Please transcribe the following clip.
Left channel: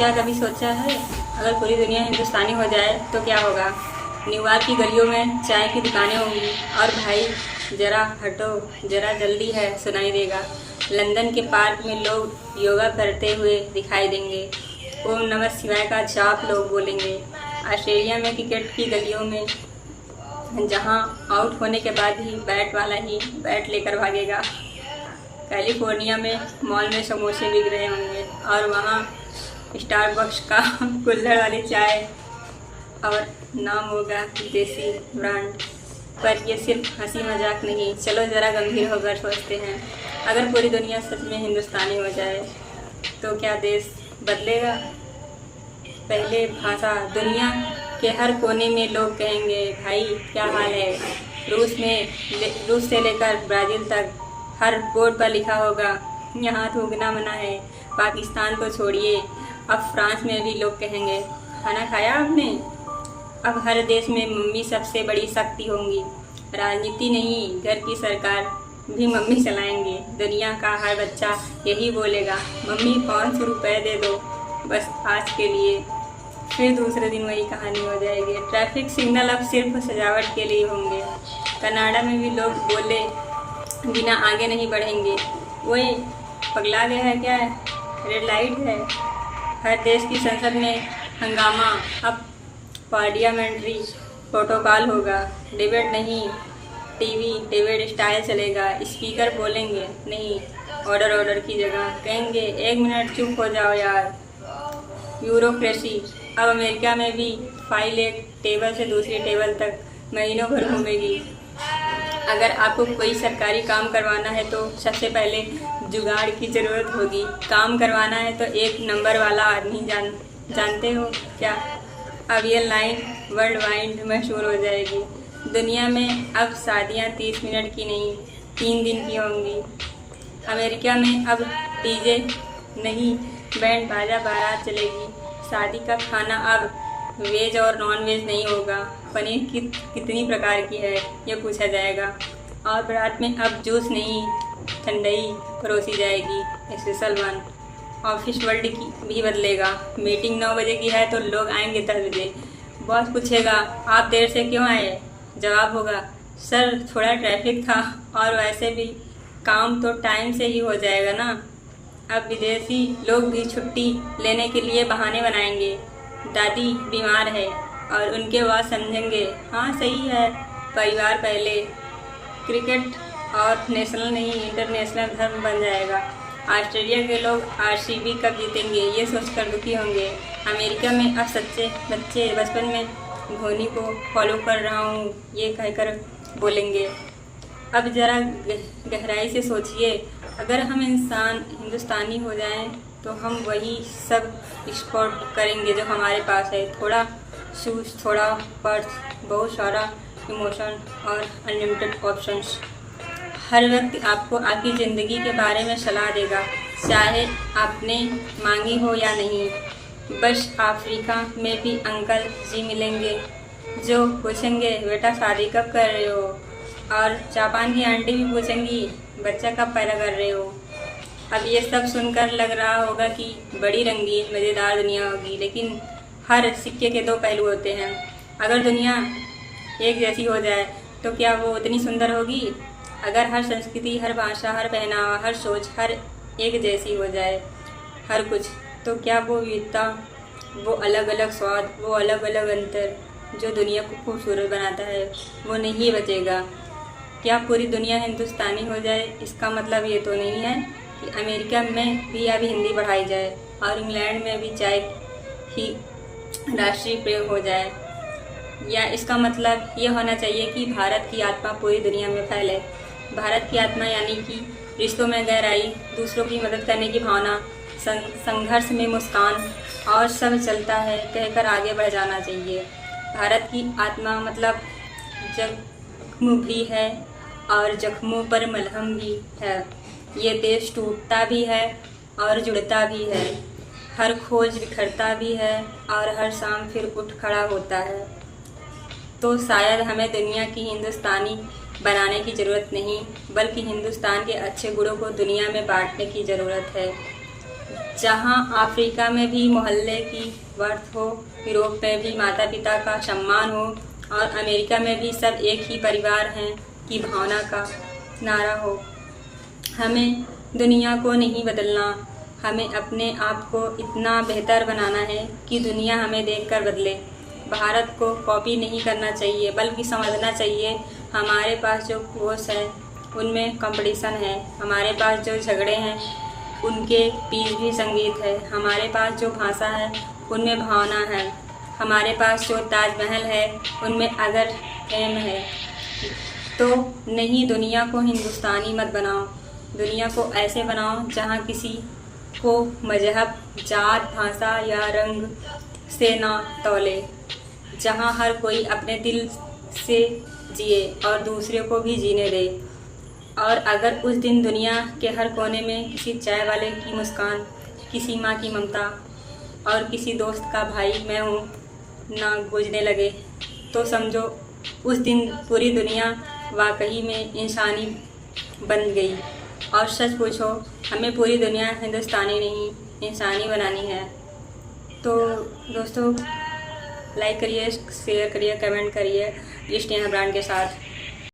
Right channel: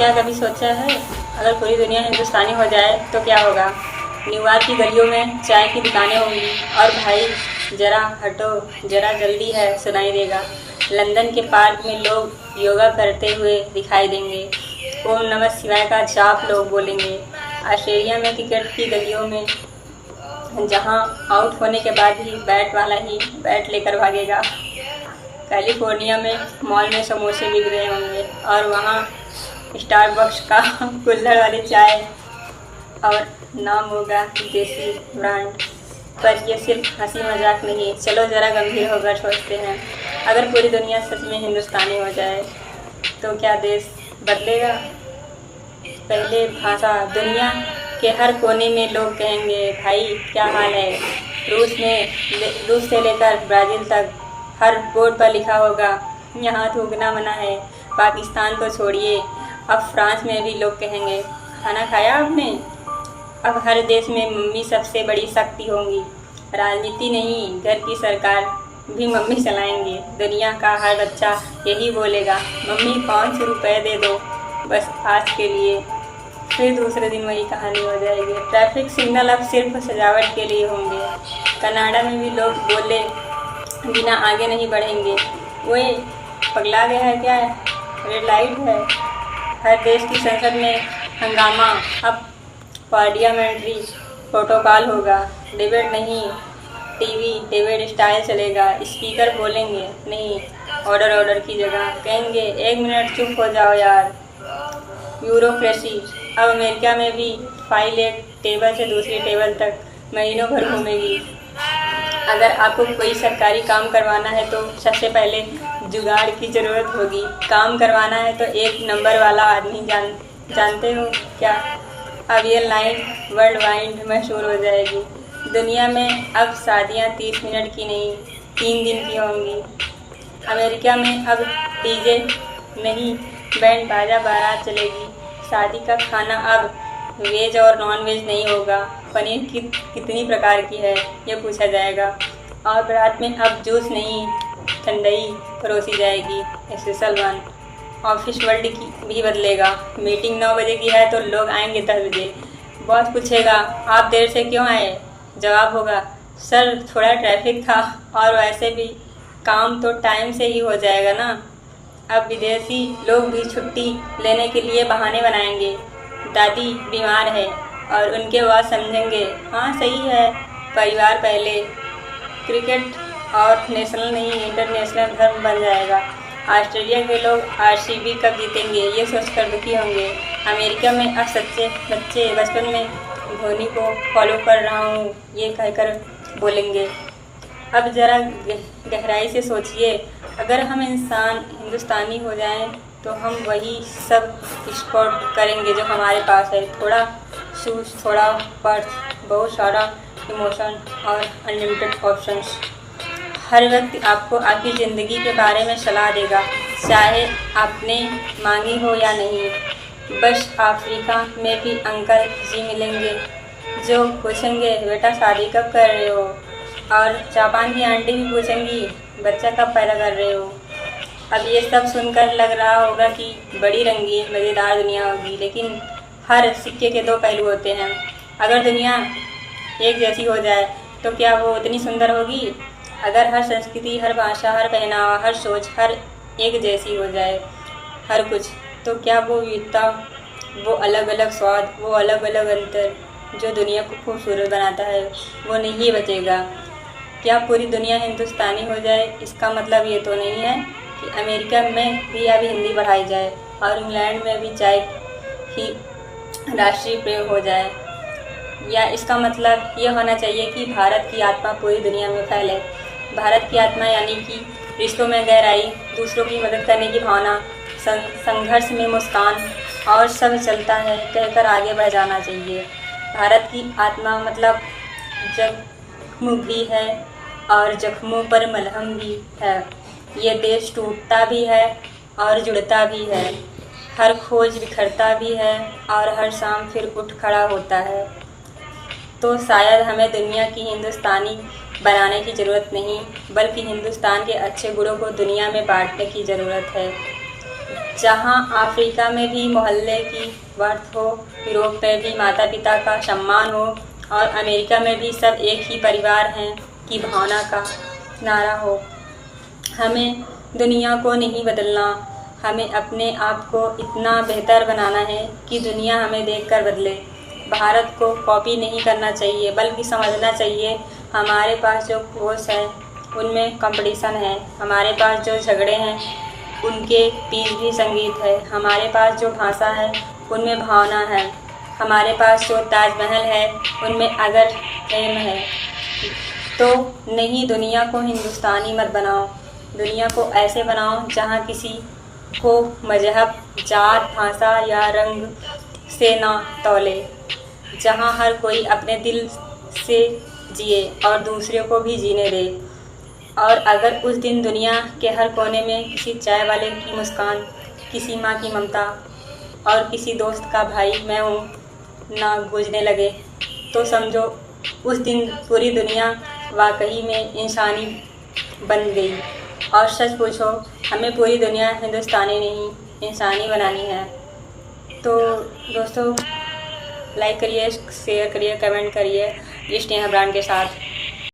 क्या कभी सोचा है अगर पूरी दुनिया हिंदुस्तानी हो जाए तो क्या होगा? न्यूयॉर्क की गलियों में चाय की दुकानें होंगी और भाई जरा हटो जरा जल्दी है सुनाई देगा। लंदन के पार्क में लोग योगा करते हुए दिखाई देंगे। ओम नमः शिवाय का जाप लोग बोलेंगे। ऑस्ट्रेलिया में क्रिकेट की गलियों में जहां आउट होने के बाद ही बैट वाला ही बैट लेकर भागेगा। कैलिफोर्निया में मॉल में समोसे बिक रहे होंगे और वहाँ स्टारबक्स का कुल्हड़ वाली चाय और नाम होगा देसी ब्रांड। पर ये सिर्फ हंसी मजाक नहीं, चलो ज़रा गंभीर होकर सोचते हैं। अगर पूरी दुनिया सच में हिंदुस्तानी हो जाए तो क्या देश बदलेगा? पहले भाषा, दुनिया के हर कोने में लोग कहेंगे भाई क्या हाल है। रूस से लेकर ब्राज़ील तक हर बोर्ड पर लिखा होगा यहाँ थूकना मना है। पाकिस्तान तो छोड़िए, अब फ्रांस में भी लोग कहेंगे खाना खाया आपने। अब हर देश में मम्मी सबसे बड़ी शक्ति होंगी। राजनीति नहीं, घर की सरकार भी मम्मी चलाएंगे। दुनिया का हर बच्चा यही बोलेगा मम्मी 500 रुपये दे दो बस आज के लिए। फिर दूसरे दिन वही कहानी हो जाएगी। ट्रैफिक सिग्नल अब सिर्फ सजावट के लिए होंगे। कनाडा में भी लोग बोले बिना आगे नहीं बढ़ेंगे। वो पगला गया है क्या? रेड लाइट है। हर देश की संसद में हंगामा। अब पार्लियामेंट्री प्रोटोकॉल होगा। डिबेट नहीं, टीवी डिबेट स्टाइल चलेगा। स्पीकर बोलेंगे नहीं, ऑर्डर की जगह कहेंगे 1 मिनट चुप हो जाओ यार। ब्यूरोक्रेसी। अब अमेरिका में भी फाइल एक टेबल से दूसरी टेबल तक महीनों भर घूमेगी। अगर आपको कोई सरकारी काम करवाना है तो सबसे पहले जुगाड़ की ज़रूरत होगी। काम करवाना है तो 1 नंबर वाला आदमी जानते हो क्या? अब ये लाइन वर्ल्ड वाइड मशहूर हो जाएगी। दुनिया में अब शादियाँ 30 मिनट की नहीं 3 दिन की होंगी। अमेरिका में अब डीजे नहीं, बैंड बाजा बारात चलेगी। शादी का खाना अब वेज और नॉन वेज नहीं होगा। पनीर कितनी प्रकार की है ये पूछा जाएगा। और बारात में अब जूस नहीं ठंडाई परोसी जाएगी, स्पेशल वन। ऑफिस वर्ल्ड की भी बदलेगा। मीटिंग 9 बजे की है तो लोग आएंगे 10 बजे। बॉस पूछेगा आप देर से क्यों आए? जवाब होगा सर थोड़ा ट्रैफिक था और वैसे भी काम तो टाइम से ही हो जाएगा ना। अब विदेशी लोग भी छुट्टी लेने के लिए बहाने बनाएंगे। दादी बीमार है और उनके बाद समझेंगे हाँ सही है, परिवार पहले। क्रिकेट और नेशनल नहीं इंटरनेशनल धर्म बन जाएगा। ऑस्ट्रेलिया के लोग आरसीबी कब जीतेंगे ये सोचकर दुखी होंगे। अमेरिका में अब सच्चे बच्चे बचपन में धोनी को फॉलो कर रहा हूँ ये कहकर बोलेंगे। अब ज़रा गहराई से सोचिए, अगर हम हिंदुस्तानी हो जाएं तो हम वही सब स्पोर्ट करेंगे जो हमारे पास है। थोड़ा शूज़, थोड़ा पर्स, बहुत सारा इमोशन और अनलिमिटेड ऑप्शंस। हर व्यक्ति आपको आपकी ज़िंदगी के बारे में सलाह देगा, चाहे आपने मांगी हो या नहीं। बस अफ्रीका में भी अंकल जी मिलेंगे जो पूछेंगे बेटा शादी कब कर रहे हो। और जापान की आंटी भी पूछेंगी बच्चा कब पैदा कर रहे हो। अब ये सब सुनकर लग रहा होगा कि बड़ी रंगीन मज़ेदार दुनिया होगी, लेकिन हर सिक्के के 2 पहलू होते हैं। अगर दुनिया एक जैसी हो जाए तो क्या वो उतनी सुंदर होगी? अगर हर संस्कृति, हर भाषा, हर पहनावा, हर सोच हर एक जैसी हो जाए हर कुछ, तो क्या वो विविधता, वो अलग अलग स्वाद, वो अलग अलग अंतर जो दुनिया को खूबसूरत बनाता है वो नहीं बचेगा? क्या पूरी दुनिया हिंदुस्तानी हो जाए इसका मतलब ये तो नहीं है कि अमेरिका में भी अब हिंदी पढ़ाई जाए और इंग्लैंड में भी चाय ही राष्ट्रीय प्रेम हो जाए। या इसका मतलब ये होना चाहिए कि भारत की आत्मा पूरी दुनिया में फैले। भारत की आत्मा यानी कि रिश्तों में गहराई, दूसरों की मदद करने की भावना, संघर्ष में मुस्कान और सब चलता है कहकर आगे बढ़ जाना चाहिए। भारत की आत्मा मतलब जख्म भी है और जख्मों पर मलहम भी है। ये देश टूटता भी है और जुड़ता भी है, हर खोज बिखरता भी है और हर शाम फिर उठ खड़ा होता है। तो शायद हमें दुनिया की हिंदुस्तानी बनाने की ज़रूरत नहीं, बल्कि हिंदुस्तान के अच्छे गुणों को दुनिया में बांटने की ज़रूरत है। जहाँ अफ्रीका में भी मोहल्ले की वर्थ हो, यूरोप में भी माता पिता का सम्मान हो और अमेरिका में भी सब एक ही परिवार हैं की भावना का नारा हो। हमें दुनिया को नहीं बदलना, हमें अपने आप को इतना बेहतर बनाना है कि दुनिया हमें देखकर बदले। भारत को कॉपी नहीं करना चाहिए बल्कि समझना चाहिए हमारे पास जो कोर्स है उनमें कंपटीशन है, हमारे पास जो झगड़े हैं उनके बीच भी संगीत है, हमारे पास जो भाषा है उनमें भावना है, हमारे पास जो ताजमहल है उनमें अगर प्रेम है। तो नहीं, दुनिया को हिंदुस्तानी मत बनाओ, दुनिया को ऐसे बनाओ जहाँ किसी को मजहब, जात, भाषा या रंग से ना तौले, जहाँ हर कोई अपने दिल से जिए और दूसरे को भी जीने दे। और अगर उस दिन दुनिया के हर कोने में किसी चाय वाले की मुस्कान, किसी माँ की ममता और किसी दोस्त का भाई मैं हूँ ना गूंजने लगे, तो समझो उस दिन पूरी दुनिया वाकई में इंसानी बन गई। और सच पूछो, हमें पूरी दुनिया हिंदुस्तानी नहीं इंसानी बनानी है। तो दोस्तों, लाइक करिए, शेयर करिए, कमेंट करिए ये स्नेहा ब्रांड के साथ।